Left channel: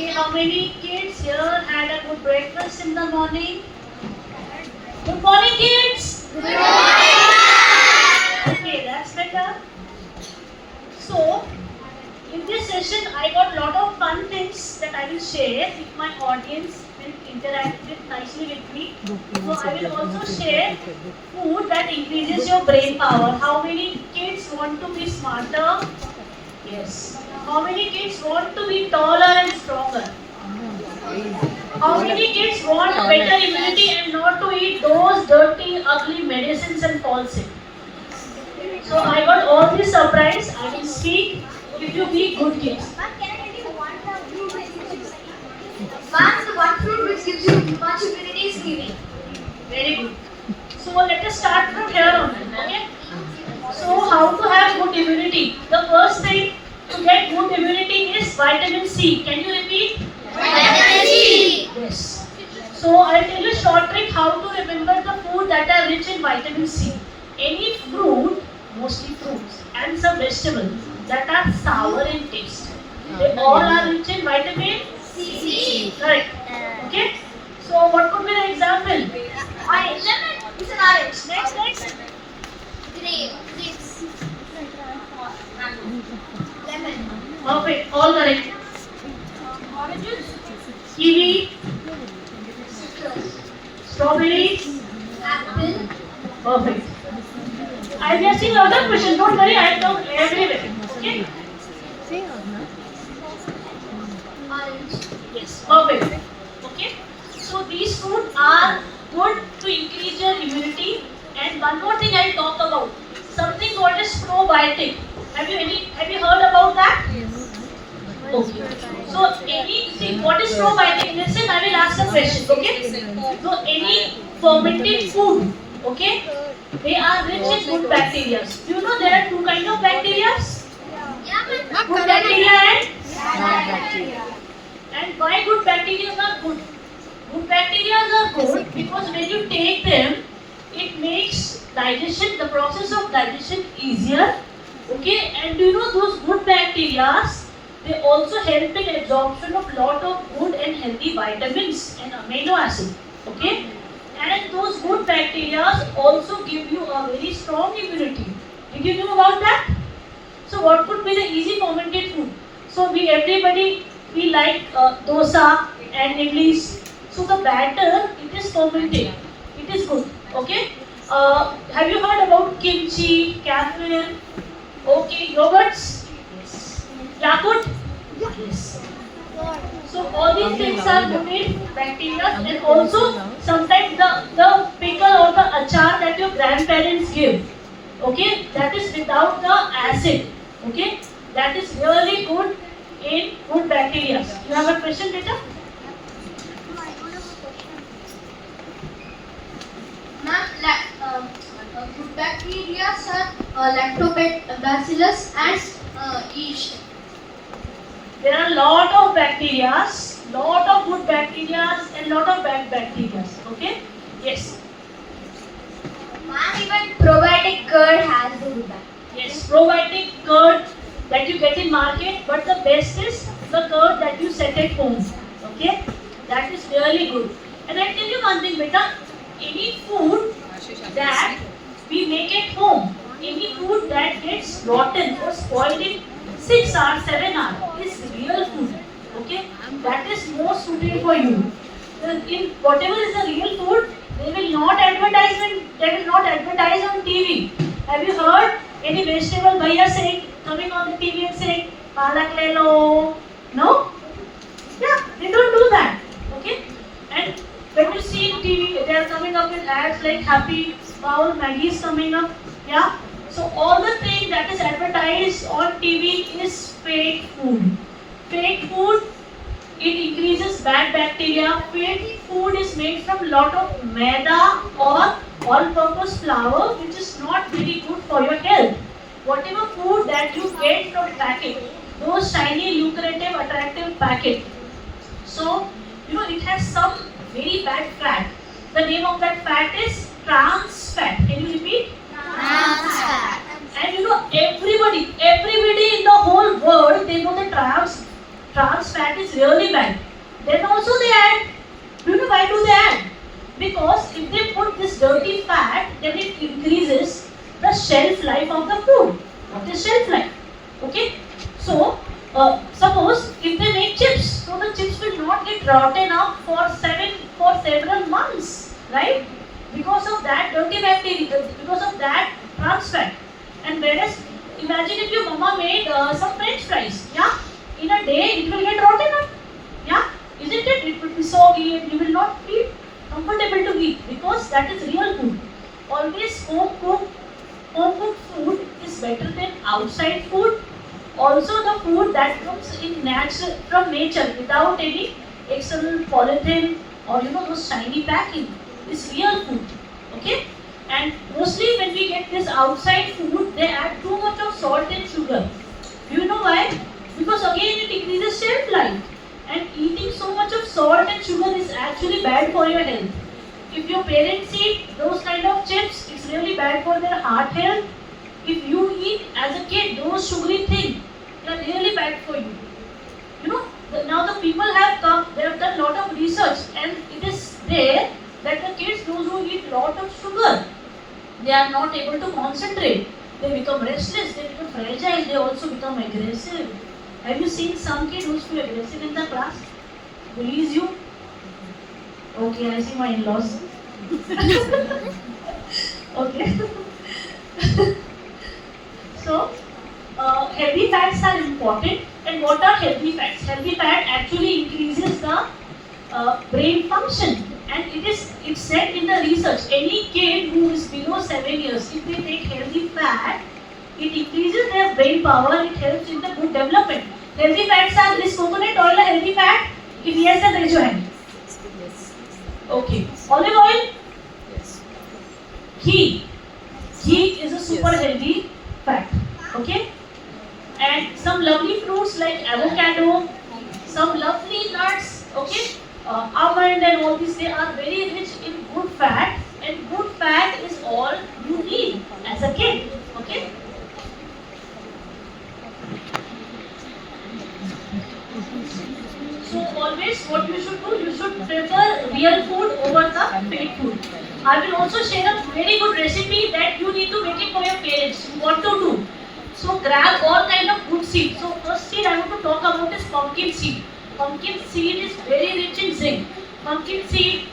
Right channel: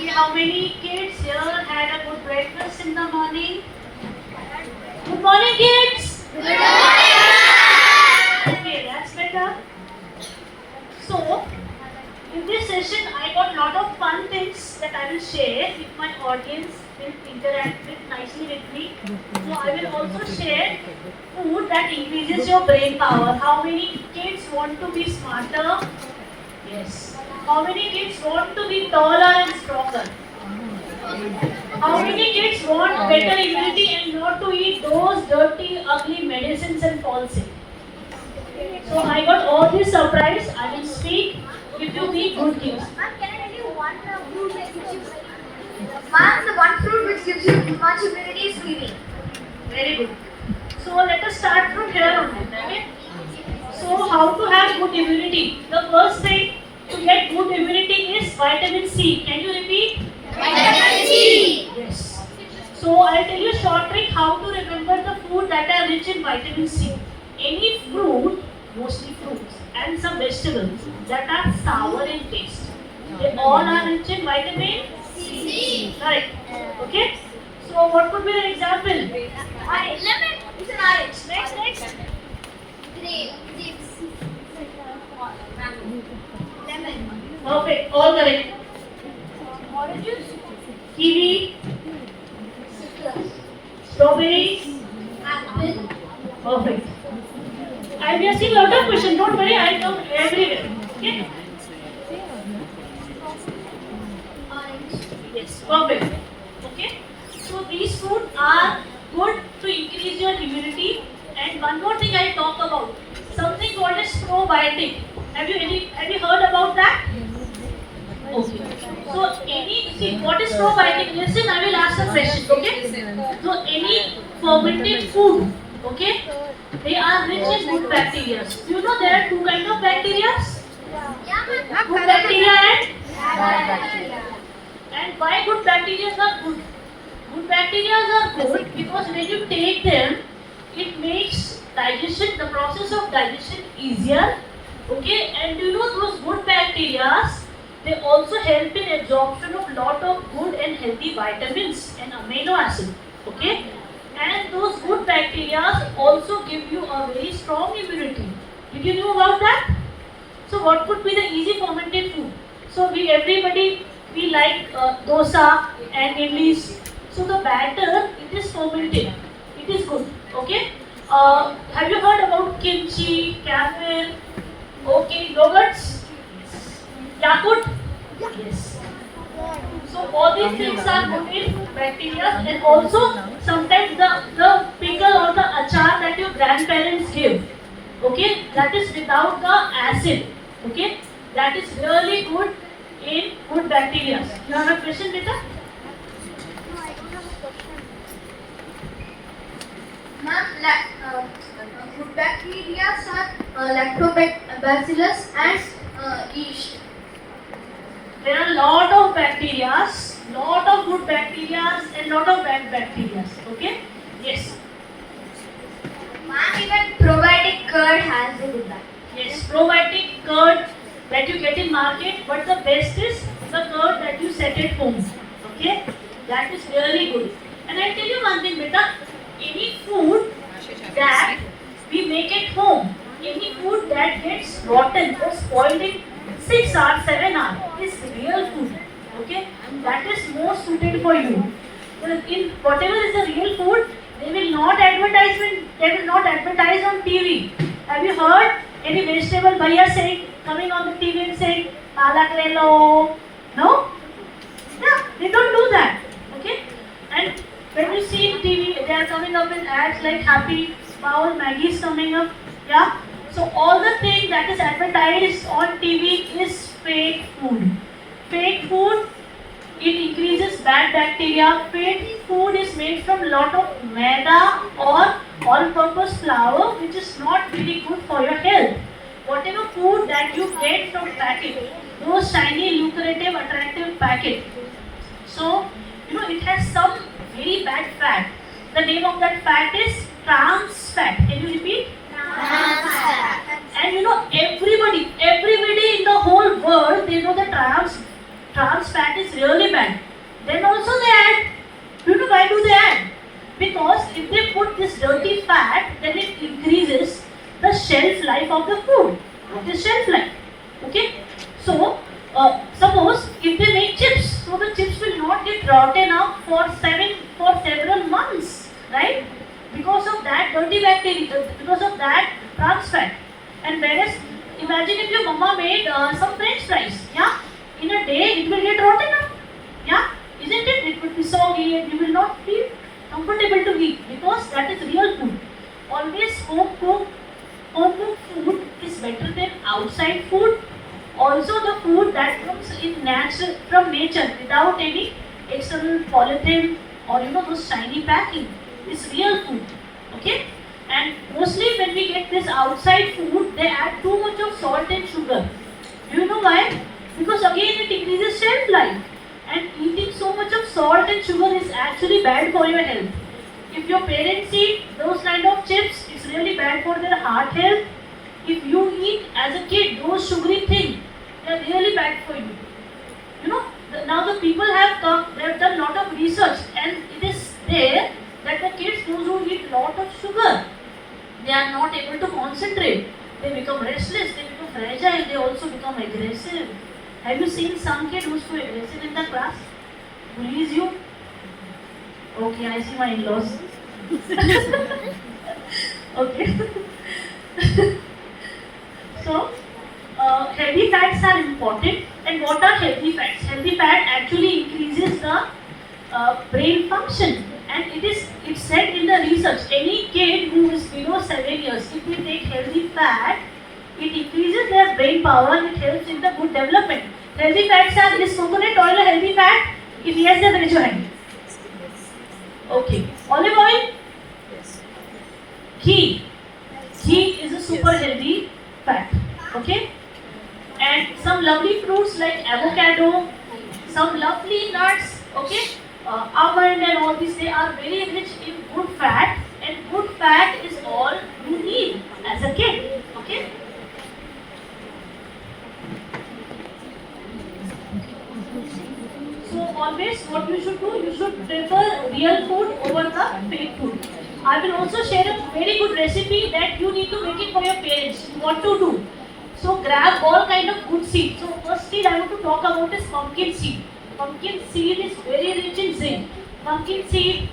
Okay, how many kids here had a good breakfast in the morning? Good morning, kids. Good morning. Okay, that's better. So, in this session, I got a lot of fun things that I will share if my audience will interact with nicely with me. So, I will also share food that increases your brain power. How many kids want to be smarter? Yes. How many kids want to be taller and stronger? How many kids want better immunity and not to eat those dirty, ugly medicines and fall sick? So I got all this surprise. I will speak if you be good kids. Ma'am, can I tell you fruit which gives you? Ma'am, the one fruit which gives you much immunity is kiwi. Very good. So let us start from here on. Okay. So how to have good immunity? The first thing to get good immunity is vitamin C. Can you repeat? Vitamin C. Yes. So I'll tell you a short trick how to remember the food that are rich in vitamin C. Any fruit, mostly fruits, and some vegetables that are sour in taste. They all are rich in vitamin C. Correct. Okay. So what could be the example? Orange. Lemon. It's an orange. Next. Grapes. Lemon. Perfect. All correct. Oranges. Kiwi, Citrus. strawberries. Apple. Perfect. I am asking a lot of questions. Don't worry. I will come everywhere. Okay. Orange. Yes. Perfect. Okay. So these fruits are good to increase your immunity. And one more thing I will talk about. Something called as probiotic. Have you heard about that? Okay. So what is probiotic? Listen, I will ask a question. Okay. So any fermented food, okay, they are rich in good bacteria. Do you know there are two kinds of bacteria? Yeah, ma'am. Good bacteria and Bad bacteria. why good bacteria are good? Good bacteria are good because when you take them, it makes digestion, the process of digestion easier. Okay, and you know those good bacteria, they also help in absorption of lot of good and healthy vitamins and amino acids. Okay, and those good bacteria also give you a very strong immunity. Did you know about that? So what could be the easy fermented food? So everybody we like dosa and idlis. So the batter it is fermented. It is good. Okay. Have you heard about kimchi, kefir? Okay, yogurts? Yes. Yakult? Yes. So all these things are good in bacteria and also sometimes the pickle or the achar that your grandparents give. Okay, that is without the acid. Okay, that is really good in good bacteria. You have a question, beta? Ma'am, good bacteria are lactobacillus and yeast. There are a lot of bacteria, lot of good bacteria and lot of bad bacteria. Okay? Yes. Ma'am, even probiotic curd has the good bacteria. Yes, probiotic curd that you get in market, but the best is the curd that you set at home. Okay? That is really good. And I tell you one thing, beta, any food that we make at home, any food that gets rotten or spoiled in 6 hours, 7 hours is real food. Okay? That is more suited for you. In whatever is the real food, they will not advertise on TV. Have you heard any vegetable bhaiya saying, coming on the TV and saying, palak le lo? No? Yeah, they don't do that. Okay? And when you see TV, they are coming up in ads like Happy Bowl, Maggie is coming up. Yeah? So all the thing that is advertised on TV is fake food. Fake food, it increases bad bacteria. Fake food is made from lot of maida or all-purpose flour, which is not very good for your health. Whatever food that you get from packet, those shiny, lucrative, attractive packet. So, it has some very bad fat. The name of that fat is trans fat. Can you repeat? Trans fat. And everybody in the whole world, they know the trans trans fat is really bad. Then also they add. Do you know why do they add? Because if they put this dirty fat, then it increases the shelf life of the food. What is shelf life? Okay. So suppose if they make chips, so the chips will not get rotten up for several months, right? Because of that dirty bacteria, because of that trans fat. And whereas, imagine if your mama made some French fries, yeah, in a day it will get rotten up, yeah, isn't it? It will be soggy and you will not feel comfortable to eat because that is real food. Always home cooked food is better than outside food. Also, the food that comes in natural from nature without any external polythene or those shiny packing is real food. Okay, and mostly when we get this outside food, they add too much of salt and sugar. Do you know why? Because again it increases shelf life. And eating so much of salt and sugar is actually bad for your health. If your parents eat those kind of chips, it's really bad for their heart health. If you eat as a kid those sugary things, they are really bad for you. Now the people have come, they have done lot of research, and it is there that the kids, those who eat lot of sugar, they are not able to concentrate. They become restless, they become fragile, they also become aggressive. Have you seen some kid who's too aggressive in the class? Bullies you? Okay, I see my in-laws. Okay. So, healthy fats are important. And what are healthy fats? Healthy fat actually increases the brain function. And it's said in the research, any kid who is below 7 years, if they take healthy fat, it increases their brain power, it helps in the good development. Healthy fats are, is coconut oil a healthy fat? If yes, then raise your hand. Okay. Olive oil? Yes. Ghee. Ghee is a super healthy fat. Okay? And some lovely fruits like avocado, some lovely nuts, okay? Almond and all these, they are very rich in good fat, and good fat is all you need as a kid. Okay? So always what you should do, you should prefer real food over the fake food. I will also share a very good recipe that you need to make it for your parents. What to do? So grab all kind of good seed. So first seed I want to talk about is pumpkin seed. Pumpkin seed is very rich in zinc. Pumpkin seed,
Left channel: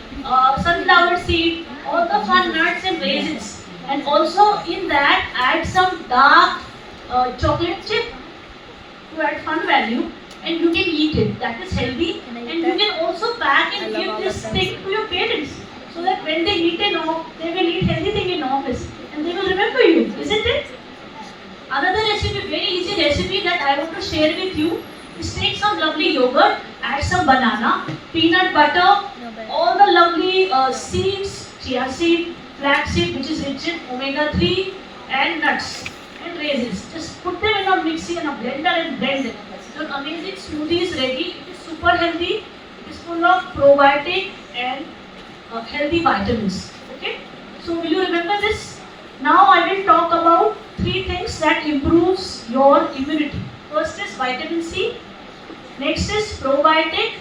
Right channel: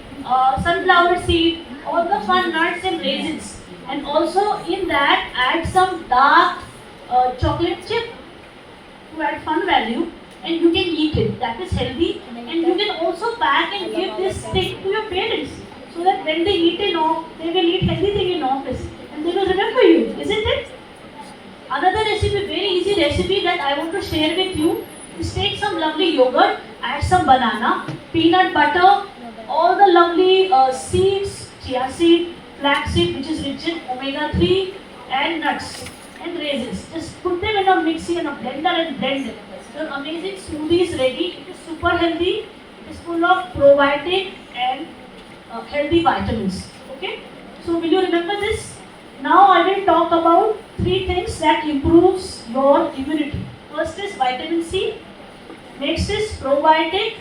sunflower seed, all the fun nuts and raisins. And also in that add some dark chocolate chip to add fun value, and you can eat it. That is healthy, and you can also pack and give this thing to your parents so that when they eat they will eat healthy thing in office and they will remember you, isn't it? Another recipe, very easy recipe that I want to share with you is take some lovely yogurt, add some banana, peanut butter, all the lovely seeds, chia seed, flax seed which is rich in omega-3 and nuts and raisins. Just put them in a mixie and a blender and blend it. Your amazing smoothie is ready. It is super healthy. It is full of probiotic and healthy vitamins. Okay? So will you remember this? Now I will talk about 3 things that improves your immunity. First is vitamin C. Next is probiotic.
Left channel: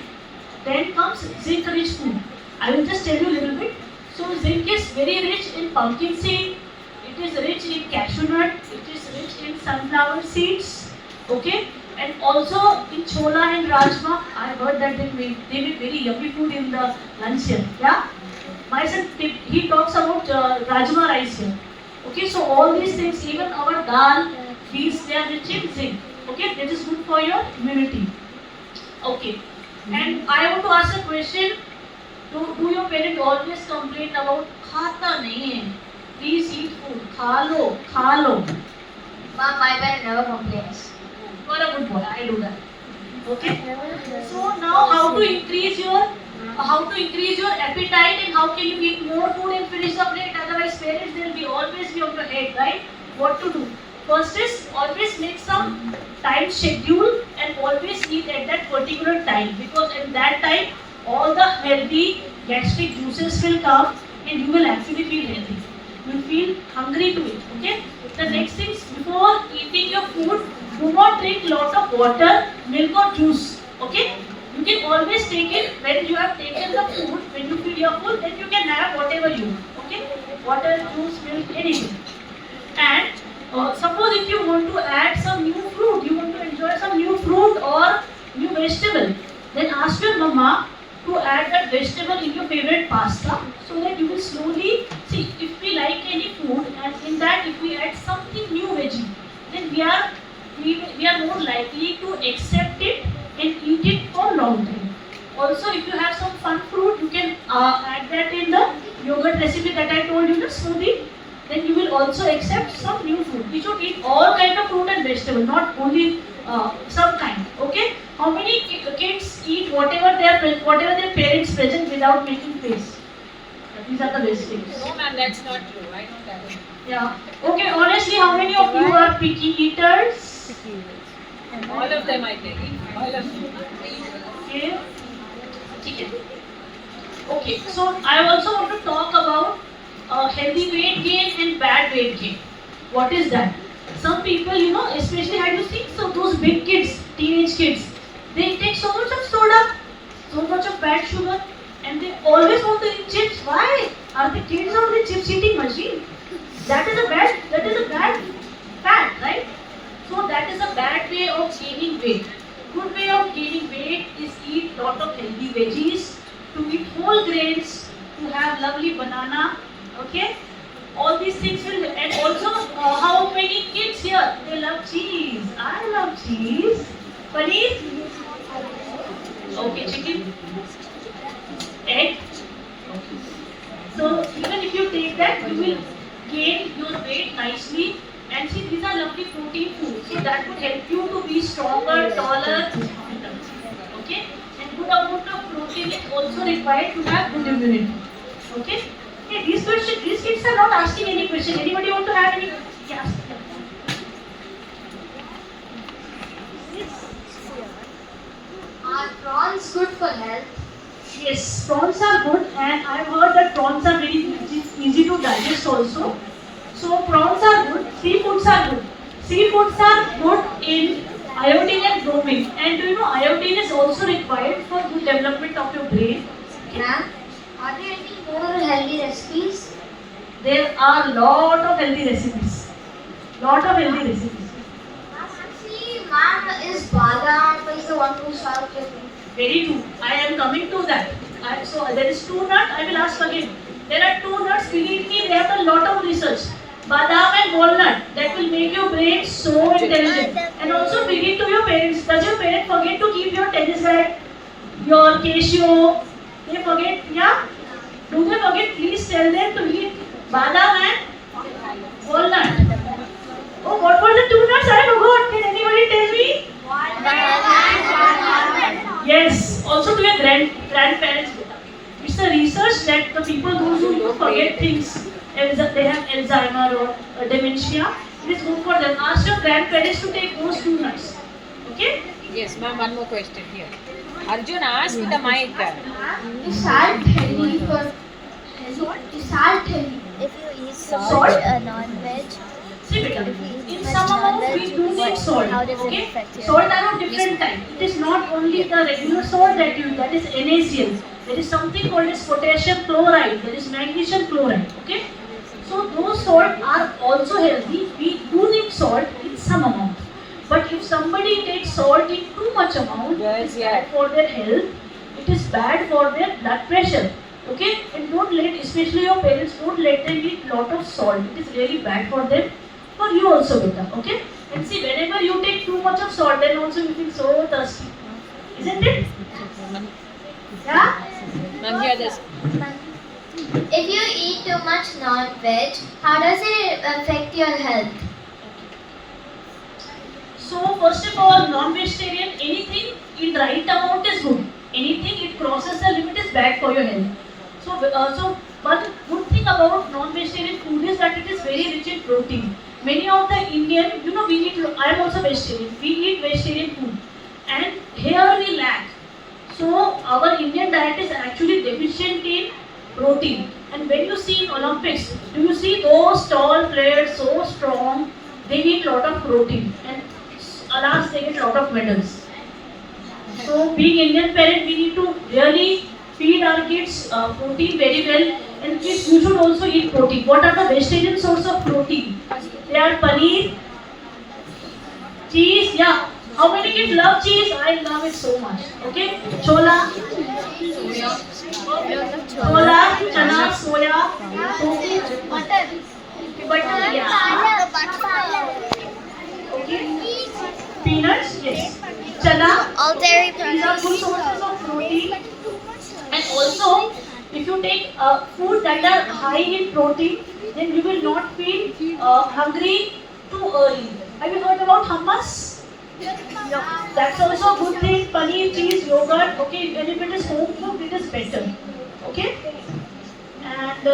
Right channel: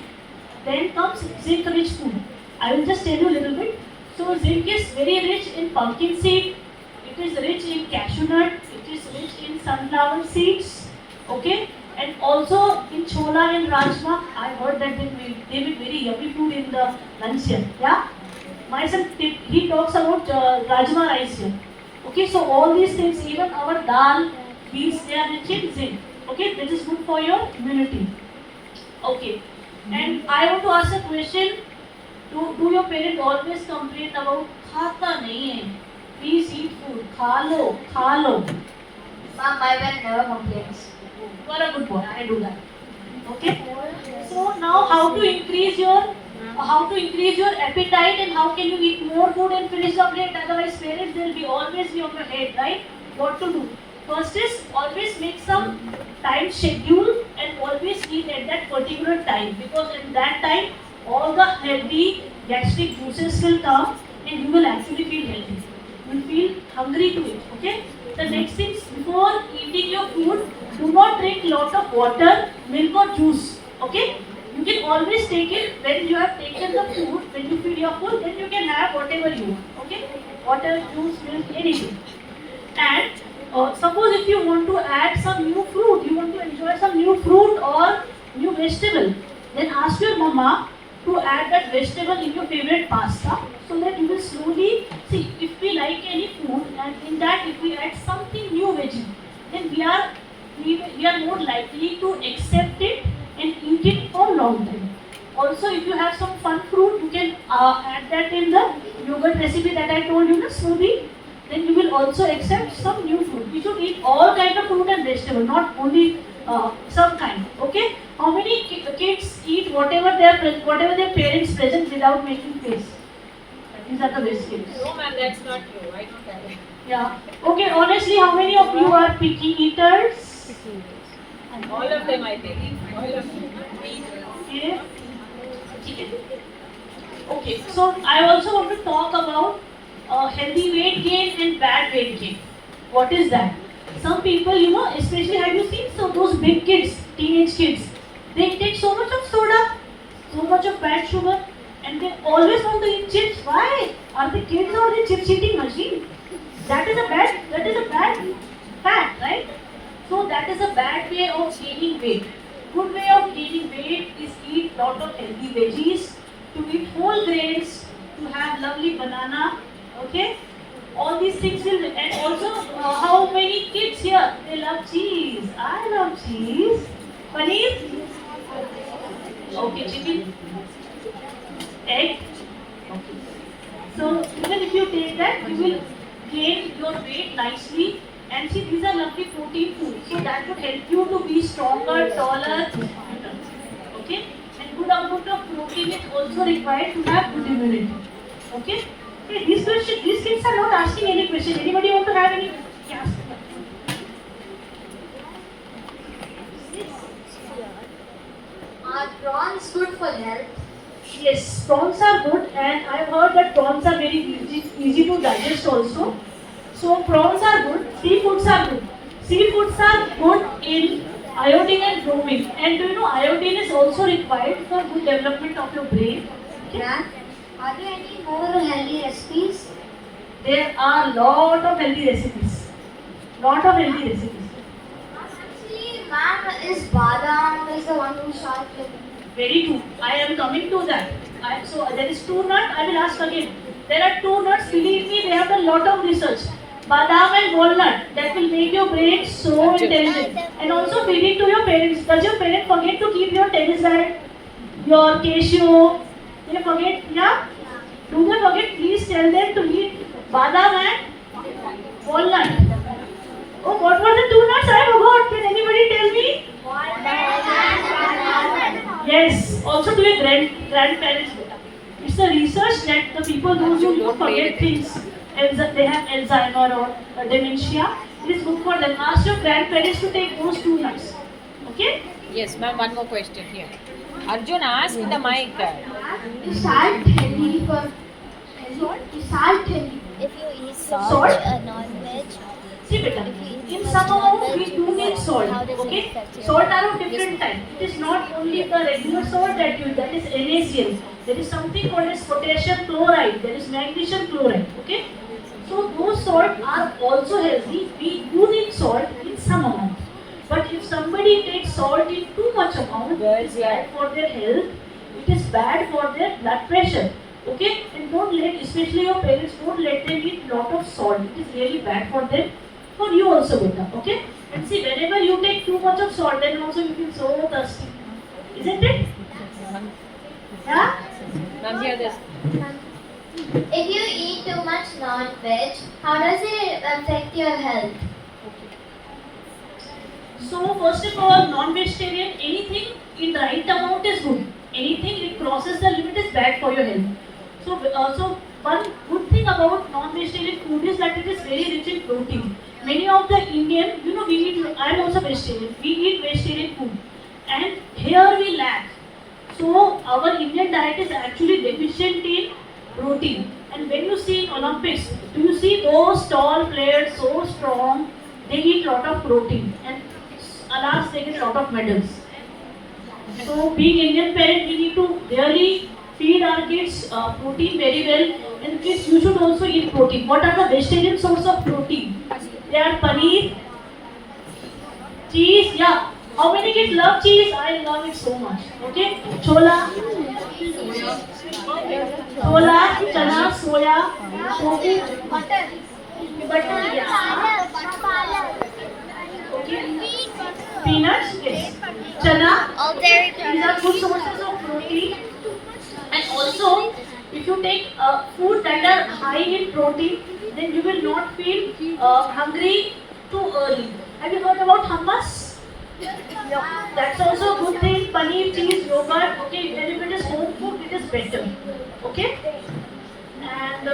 Then comes zinc rich food. I will just tell you a little bit. So zinc is very rich in pumpkin seed. It is rich in cashew nut. It is rich in sunflower seeds. Okay? And also in chola and rajma. I heard that they make very yummy food in the lunch here. Yeah? My son, he talks about rajma rice here. Okay, so all these things, even our dal, beans, they are rich in zinc. Okay, that is good for your immunity. Okay, and I want to ask a question. Do your parents always complain about खाता नहीं है? Please eat food. खा लो. Mom, my parent never complains. You are a good boy. I do that. Okay. So now how to increase your appetite and how can you eat more food and finish the plate? Otherwise, parents will be always be on your head, right? What to do? First is always make some time schedule and always eat at that particular time, because at that time all the healthy gastric juices will come and you will actually feel healthy. You will feel hungry to eat. Okay. The next thing is, before eating your food, do not drink lot of water, milk or juice. Okay? You can always take it when you have taken the food, when you feel your full, then you can have whatever you want. Okay? Water, juice, milk, anything. And suppose if you want to add some new fruit, you want to enjoy some new fruit or new vegetable, then ask your mama to add that vegetable in your favorite pasta, so that you will slowly see if we like any food and in that if we add something new veggie, then we are more likely to accept it and eat it for long time. Also, if you have some fun fruit, you can add that in the yogurt recipe that I told you, the smoothie. Then you will also accept some new food. We should eat all kind of fruit and vegetable, not only some kind. Okay? How many kids eat whatever their parents present without making face? These are the best kids. No, ma'am, that's not true. I don't have it. Yeah. Okay. Honestly, how many of you are picky eaters? All of them I take. All of them. Okay. Okay. Okay. So I also want to talk about healthy weight gain and bad weight gain. What is that? Some people, especially have you seen those big kids, teenage kids, they take so much of soda, so much of bad sugar, and they always want to eat chips. Why? Are the kids or the chips eating machine? That is a bad fat, right? So that is a bad way of gaining weight. Good way of gaining weight is eat lot of healthy veggies, to eat whole grains, to have lovely banana. Okay, all these things will, and also how many kids here they love cheese? I love cheese. Paneer. Okay, chicken, egg. Okay. So even if you take that, you will gain your weight nicely. And see, these are lovely protein foods, so that would help you to be stronger, taller, fitter. Okay, and good amount of protein is also required to have good immunity. Okay. Hey, these kids are not asking any question. Anybody want to have any? Yes. Are prawns good for health? Yes, prawns are good, and I've heard that prawns are very easy to digest also. So prawns are good, seafoods are good. Seafoods are good in iodine and bromine. And do you know iodine is also required for good development of your brain. Okay? Ma'am, are there any more healthy recipes? There are lot of healthy recipes. Lot of healthy recipes. Actually, ma'am, is badam is the one who started. Very true. I am coming to that. So there is two nuts. I will ask again. There are two nuts. Believe me, they have done lot of research. Badam and walnut, that will make your brain so intelligent. And also feed it to your parents. Does your parent forget to keep your tennis racket, your Casio? They forget, yeah? Do they forget? Please tell them to eat badam and walnut. Oh, what were the two nuts? I forgot. Can anybody tell me? Yes. Also to your grandparents. It's a research that the people who forget things, they have Alzheimer or dementia, it is good for them. Ask your grandparents to take those two nuts. Okay? Yes, ma'am, one more question here. Arjun, ask the mic. Is salt healthy for salt? Is salt healthy? If you eat salt, Salt? non-veg, See beta, if you eat in too some much amount non-veg, we do need salt. how does it Okay? affect your Salt health? are of different type. It is not only the regular salt that you, that is NaCl. There is something called as potassium chloride. There is magnesium chloride. Okay? So those salt are also healthy. We do need salt in some amount. But if somebody takes salt in too much amount, it is bad for their health. It is bad for their blood pressure. Okay? And don't let, especially your parents, don't let them eat lot of salt. It is really bad for them. For you also, beta. Okay? And see, whenever you take too much of salt, then also you feel so thirsty. Isn't it? Yeah? Ma'am, here this. If you eat too much non-veg, how does it affect your health? So first of all, non-vegetarian, anything in right amount is good. Anything it crosses the limit is bad for your health. So one good thing about non-vegetarian food is that it is very rich in protein. Many of the Indian, we eat. I am also vegetarian. We eat vegetarian food, and here we lack. So our Indian diet is actually deficient in protein. And when you see in Olympics, do you see those tall players so strong? They eat lot of protein, and alas, they get lot of medals. So being Indian parent, we need to really feed our kids protein very well. And kids, you should also eat protein. What are the vegetarian source of protein? They are paneer, cheese. Yeah. How many kids love cheese? I love it so much. Okay. Chola, chola, chana, soya, tofu, butter. Yeah. Okay. Peanuts. Yes. Chana. All dairy These are good sources of protein. And also, if you take food that are high in protein, then you will not feel hungry too early. Have you heard about hummus? That's also a good thing. Paneer, cheese, yogurt. Okay, and if it is home cooked, it is better. Okay. And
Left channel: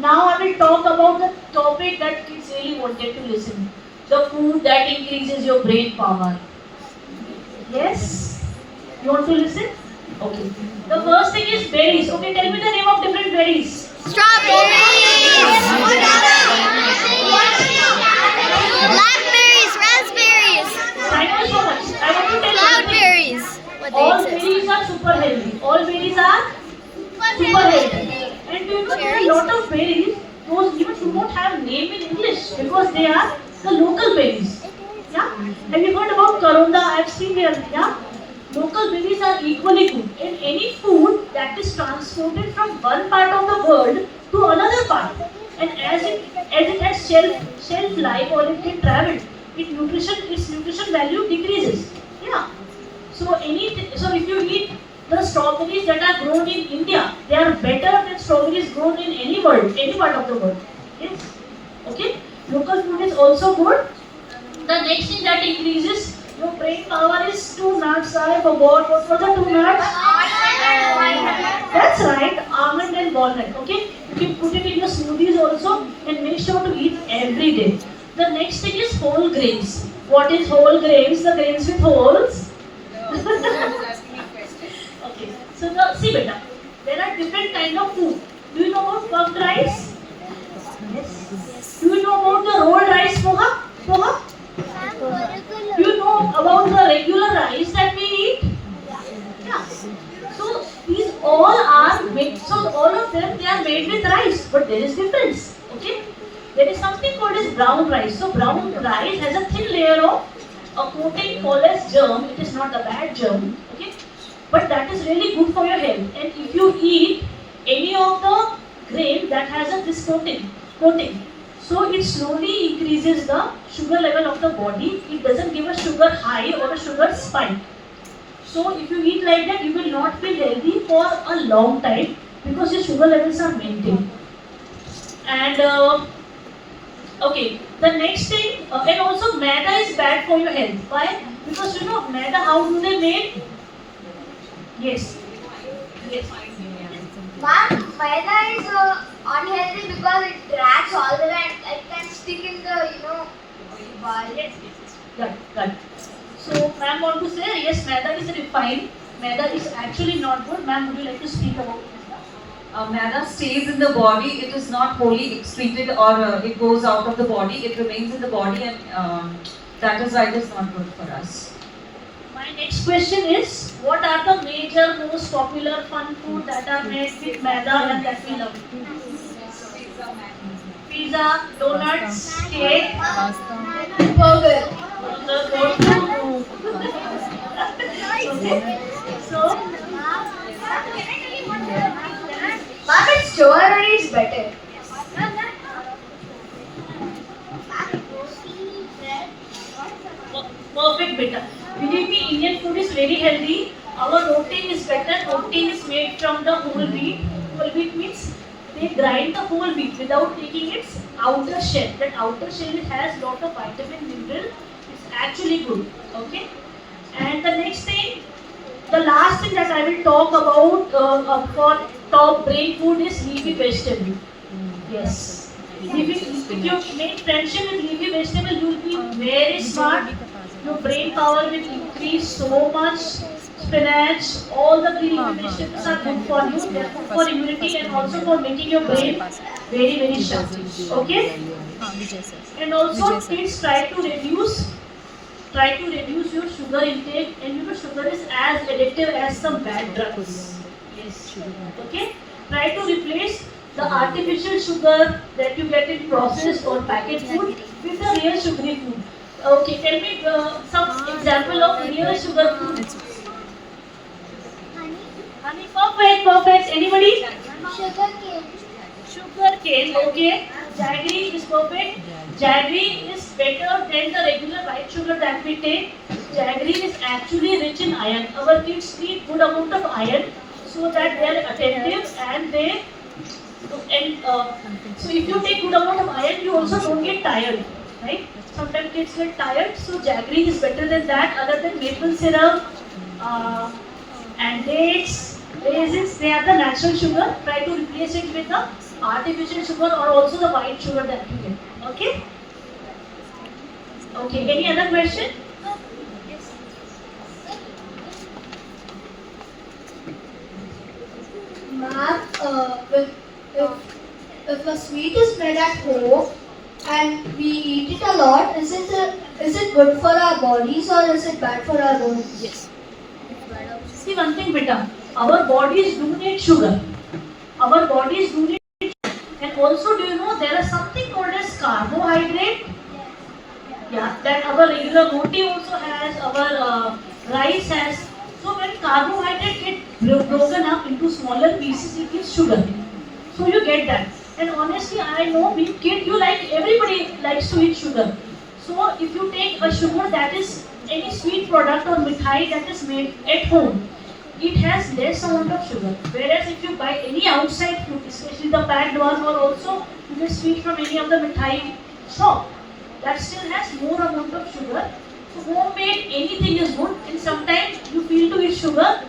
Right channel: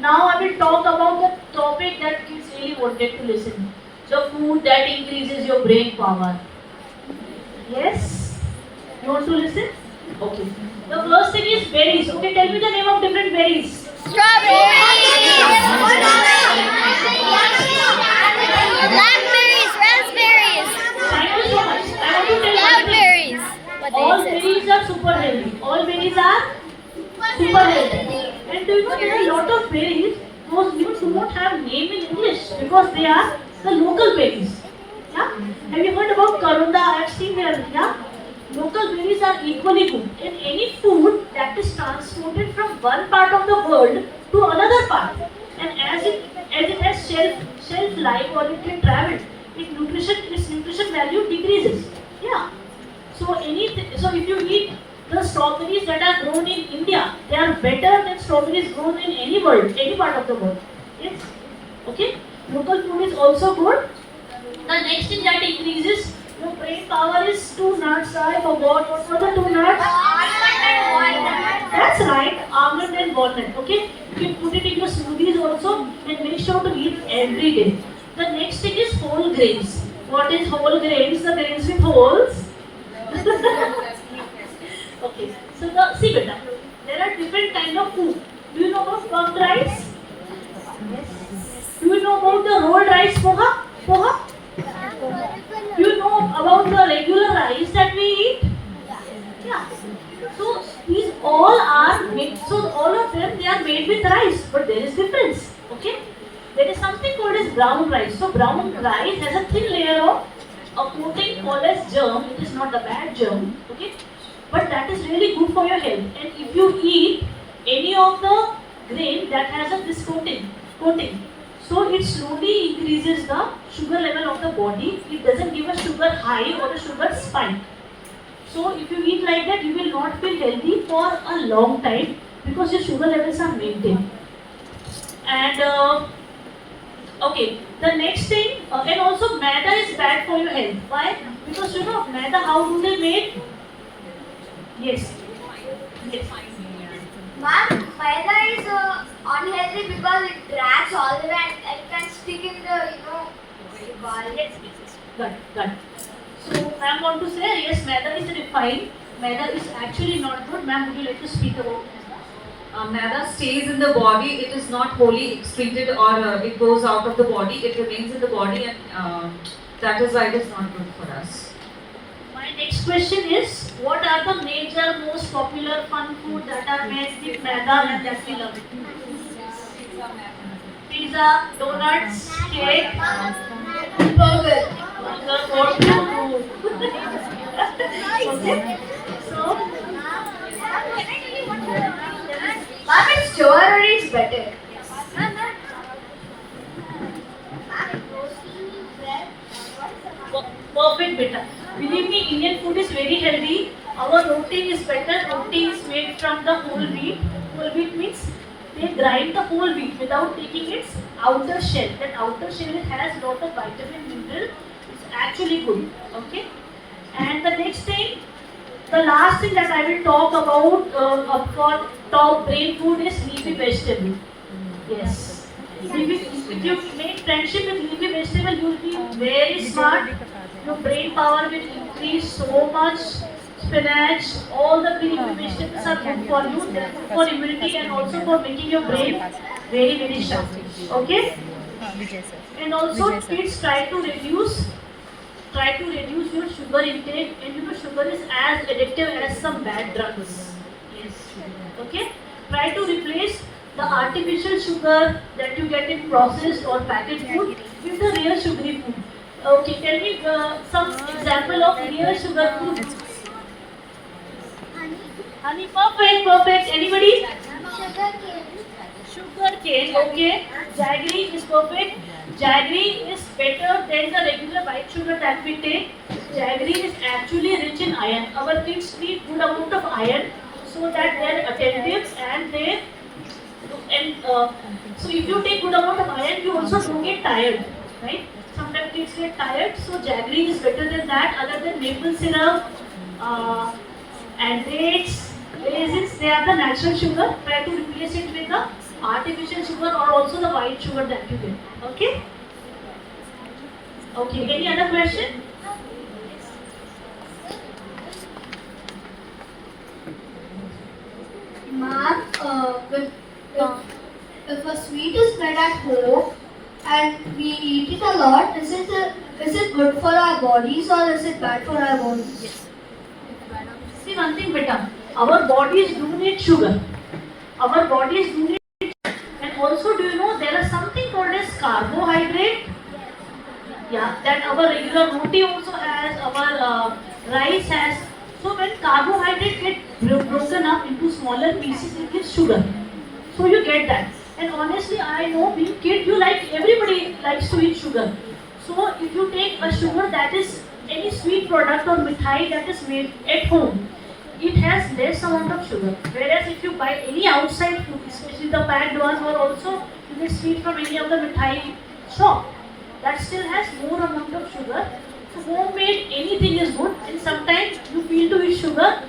now I will talk about the topic that kids really wanted to listen. The food that increases your brain power. Yes? You want to listen? Okay. The first thing is berries. Okay, tell me the name of different berries. Blackberries, raspberries, Thank you so much. I want to tell one thing. cloudberries. All berries are super healthy. All berries are super healthy. And do you know there are a lot of berries those even do not have name in English because they are the local berries. Yeah? Have you heard about Karonda? I've seen here. Yeah? Local berries are equally good. And any food that is transported from one part of the world to another part, and as it has shelf life or it can travel, its nutrition value decreases. Yeah. So if you eat the strawberries that are grown in India, they are better than strawberries grown in any part of the world. Yes. Okay. Local food is also good. The next thing that increases your brain power is two nuts. I forgot what were the two nuts. That's right, almond and walnut. Okay, you can put it in your smoothies also, and make sure to eat every day. The next thing is whole grains. What is whole grains? The grains with holes. Okay, so see beta, there are different kind of food. Do you know about puffed rice? Yes. Do you know about the rolled rice poha? Poha? Do you know about the regular rice that we eat? Yeah. So these all are made. So all of them they are made with rice, but there is difference. Okay. There is something called as brown rice. So brown rice has a thin layer of a coating called as germ. It is not a bad germ. Okay. But that is really good for your health. And if you eat any of the grain that has a this coating, so it slowly increases the sugar level of the body. It doesn't give a sugar high or a sugar spike. So if you eat like that, you will not feel healthy for a long time because your sugar levels are maintained. And okay, the next thing, and also maida is bad for your health. Why? Because you know maida, how do they make? Yes. Yes. Ma'am, maida is unhealthy because it drags all the way and it can stick in the, ball. Yes, good. So, ma'am want to say, yes, maida is refined. Maida is actually not good. Ma'am, would you like to speak about maida? Maida stays in the body. It is not wholly excreted or it goes out of the body. It remains in the body, and that is why it is not good for us. My next question is, what are the major, most popular fun food that are made with maida and that we love? Pizza, donuts, cake, Burger. Okay. So, Ma'am, it's strawberry is better. perfect beta. Believe me, Indian food is very healthy. Our roti is better. Roti is made from the whole wheat. Whole wheat means they grind the whole wheat without taking its outer shell. That outer shell it has lot of vitamin mineral. It's actually good. Okay. And the next thing, the last thing that I will talk about for top brain food is leafy vegetable. Yes. If you make friendship with leafy vegetable, you will be very smart. Your brain power will increase so much. Spinach, all the green leafy vegetables are good for you. They are good for immunity and also for making your brain very, very sharp. Okay? And also, kids try to reduce try to reduce your sugar intake, and you know sugar is as addictive as some bad drugs. Yes. Okay. Try to replace the artificial sugar that you get in processed or packaged food with the real sugary food. Okay, tell me some example of real sugar food. Honey, perfect, perfect. Anybody? Sugar cane. Sugar cane, okay. Jaggery is perfect. Jaggery is better than the regular white sugar that we take. Jaggery is actually rich in iron. Our kids need good amount of iron so that they are attentive and they so if you take good amount of iron, you also don't get tired, right? Sometimes kids get tired, so jaggery is better than that. Other than maple syrup and dates, raisins, they are the natural sugar. Try to replace it with the artificial sugar or also the white sugar that you get. Okay? Okay. Any other question? Ma'am, if a sweet is made at home and we eat it a lot, is it good for our bodies or is it bad for our bodies? Yes. See one thing, beta. Our bodies do need sugar. Our bodies do need, and also do you know there is something called as carbohydrate? Yeah, that our regular roti also has, our rice has. So when carbohydrate get broken up into smaller pieces, it gives sugar. So you get that. And honestly, I know being kid, you like everybody likes to eat sugar. So if you take a sugar that is any sweet product or mithai that is made at home, it has less amount of sugar. Whereas if you buy any outside food, especially the packed ones, or also you get sweet from any of the mithai shop, that still has more amount of sugar. So homemade anything is good, and sometimes you feel to eat sugar,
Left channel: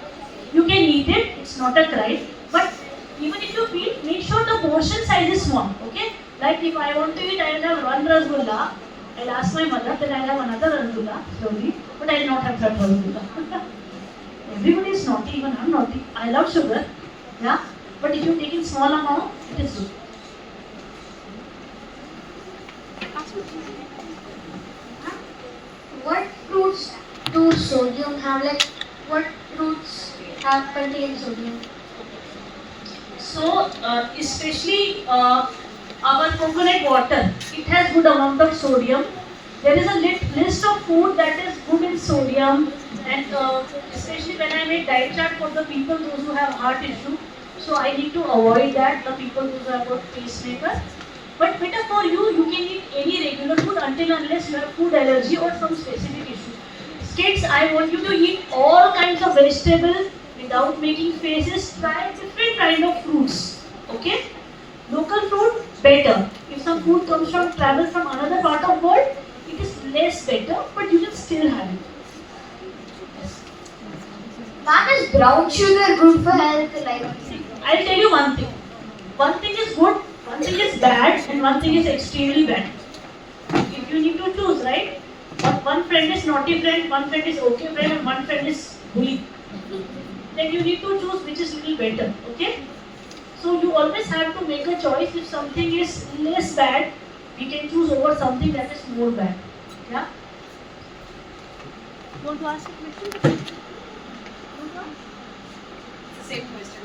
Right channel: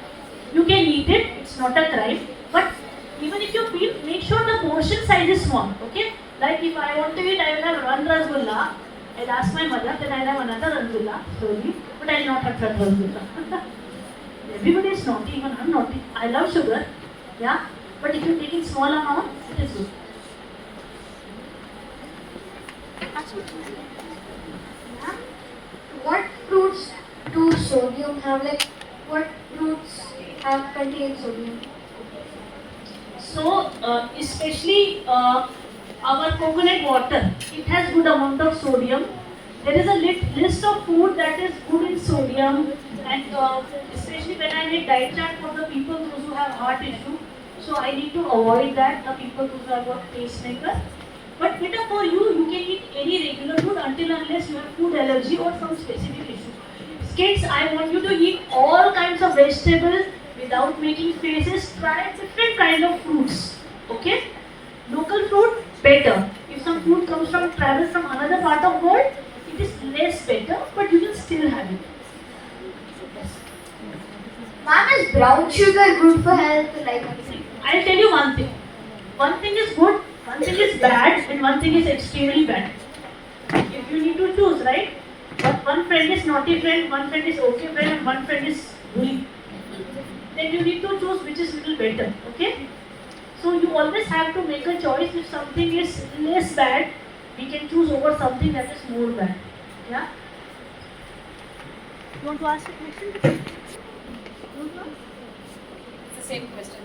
you can eat it. It's not a crime. But even if you feel, make sure the portion size is small. Okay? Like if I want to eat, I will have one rasgulla. I'll ask my mother, then I'll have another rasgulla slowly. But I'll not have that rasgulla. Everybody is naughty, even I'm naughty. I love sugar. Yeah? But if you take in small amount, it is good. What fruits do sodium have? Like, what fruits have contain sodium? So, especially our coconut water, it has good amount of sodium. There is a list of food that is good in sodium, and especially when I make diet chart for the people those who have heart issue, so I need to avoid that. The people who have got pacemaker. But better for you, you can eat any regular food until unless you have food allergy or some specific issue. Kids, I want you to eat all kinds of vegetables without making faces. Try different kind of fruits. Okay? Local fruit, better. If some food comes from travel from another part of world, it is less better, but you can still have it. Ma'am, is brown sugar good for health? Like, I'll tell you one thing. One thing is good, one thing is bad, and one thing is extremely bad. If you need to choose, right? But one friend is naughty friend, one friend is okay friend, and one friend is bully. Then you need to choose which is little better. Okay? So you always have to make a choice. If something is less bad, we can choose over something that is more bad. Yeah? You want to ask a question? It's the same question.